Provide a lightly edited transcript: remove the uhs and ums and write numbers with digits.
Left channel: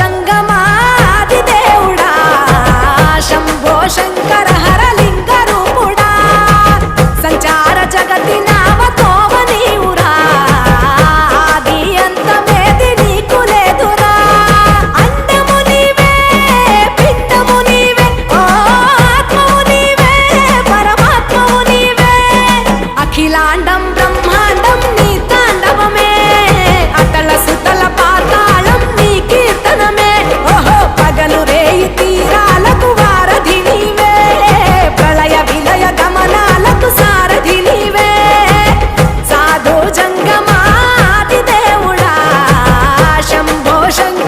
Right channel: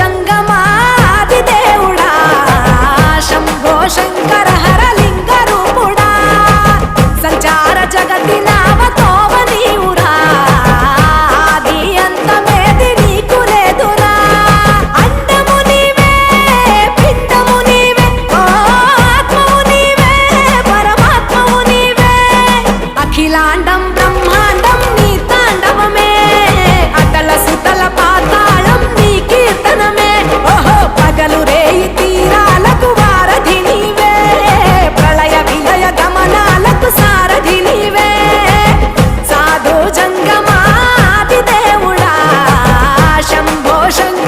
జంగమాది దేవుడా శంభో శంకర హరలింగ రూపుడా సంచార జగతి నావతోవ నీవురా ఆది అంతమేది నీకు లేదురా అండము నీవే పిండము నీవే ఓ ఆత్మవు నీవే పరమాత్మవు నీవే అఖిలాండం బ్రహ్మాండం నీ తాండవమే అతల సుతల పాతాళం నీ కీర్తనమే ఓహో పగలు రేయి తీరాలకు వారధి నీవే ప్రళయ విలయ గమనాలకు సారథి నీవే సాధు జంగమాది దేవుడా శంభో శంకర